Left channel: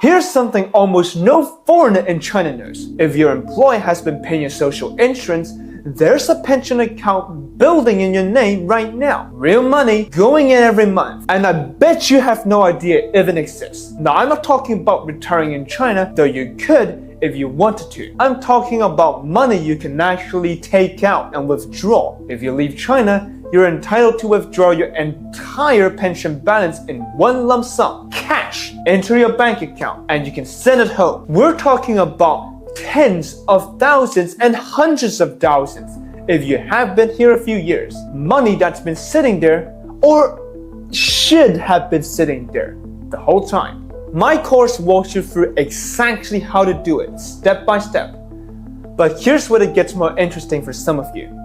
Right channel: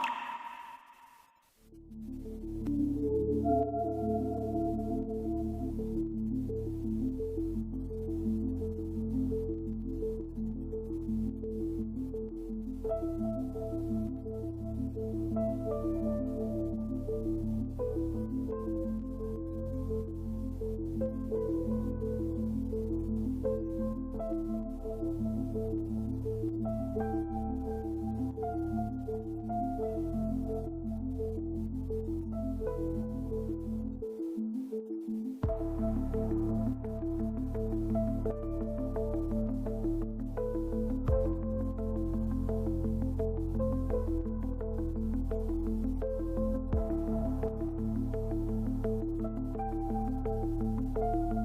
Here's something almost no foreigner in China knows. If your employer has been paying your social insurance, there's a pension account building in your name right now. Real money going in every month. And I bet you have no idea if it exists. Now, I'm not talking about retiring in China, though you could if you wanted to. I'm talking about money you can actually take out and withdraw. If you leave China, you're entitled to withdraw your entire pension balance in one lump sum, cash, into your bank account, and you can send it home. We're talking about tens of thousands and hundreds of thousands if you have been here a few years. Money that's been sitting there, or should have been sitting there the whole time. My course walks you through exactly how to do it, step by step. But here's where it gets more interesting for some of you.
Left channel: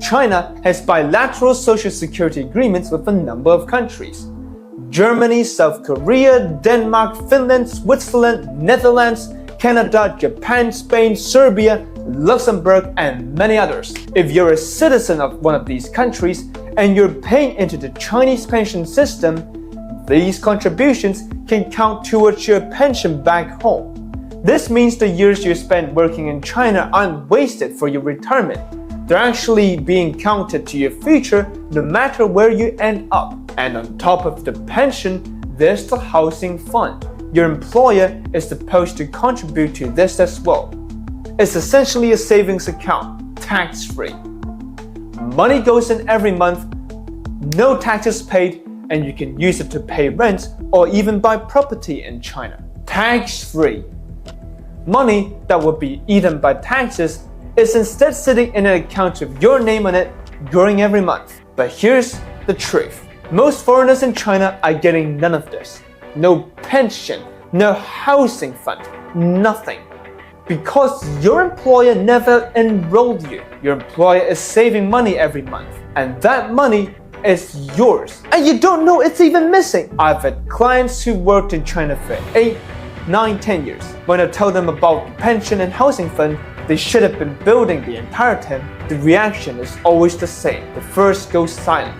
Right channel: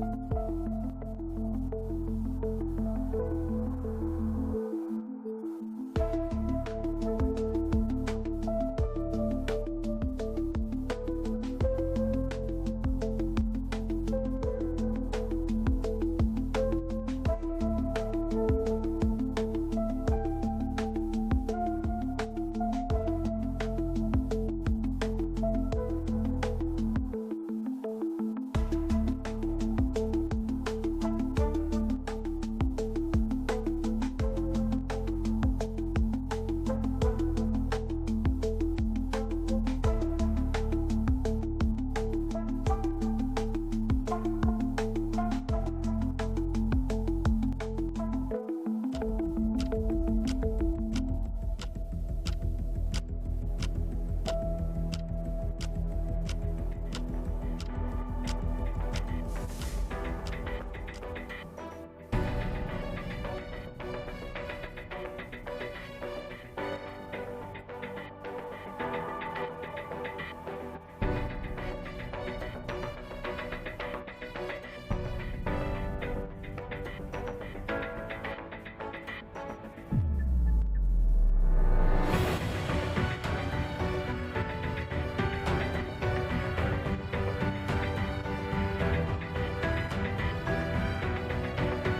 China has bilateral social security agreements with a number of countries. Germany, South Korea, Denmark, Finland, Switzerland, Netherlands, Canada, Japan, Spain, Serbia, Luxembourg, and many others. If you're a citizen of one of these countries and you're paying into the Chinese pension system, these contributions can count towards your pension back home. This means the years you spent working in China aren't wasted for your retirement. They're actually being counted to your future no matter where you end up. And on top of the pension, there's the housing fund. Your employer is supposed to contribute to this as well. It's essentially a savings account, tax-free. Money goes in every month, no taxes paid, and you can use it to pay rent or even buy property in China. Tax-free. Money that would be eaten by taxes is instead sitting in an account with your name on it, growing every month. But here's the truth. Most foreigners in China are getting none of this. No pension, no housing fund, nothing. Because your employer never enrolled you. Your employer is saving money every month, and that money is yours. And you don't know it's even missing. I've had clients who worked in China for 8, 9, 10 years. When I tell them about the pension and housing fund they should have been building the entire time, the reaction is always the same. The first goes silent,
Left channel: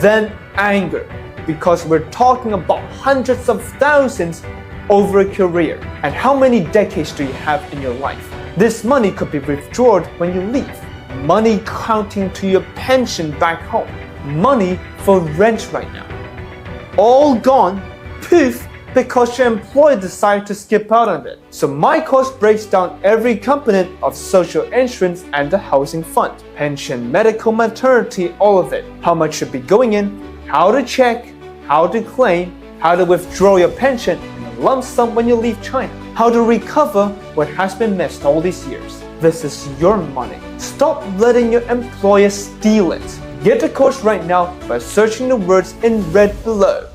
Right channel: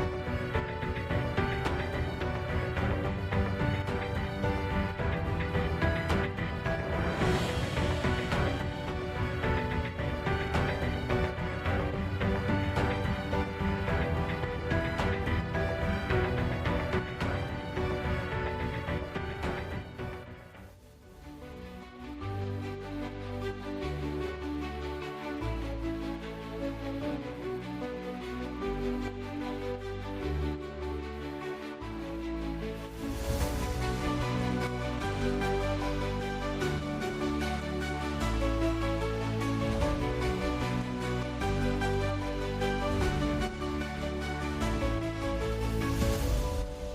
then anger, because we're talking about hundreds of thousands over a career. And how many decades do you have in your life? This money could be withdrawn when you leave. Money counting to your pension back home. Money for rent right now. All gone, poof, because your employer decided to skip out on it. So my course breaks down every component of social insurance and the housing fund. Pension, medical, maternity, all of it. How much should be going in, how to check, how to claim, how to withdraw your pension in lump sum when you leave China, how to recover what has been missed all these years. This is your money. Stop letting your employer steal it. Get the course right now by searching the words in red below.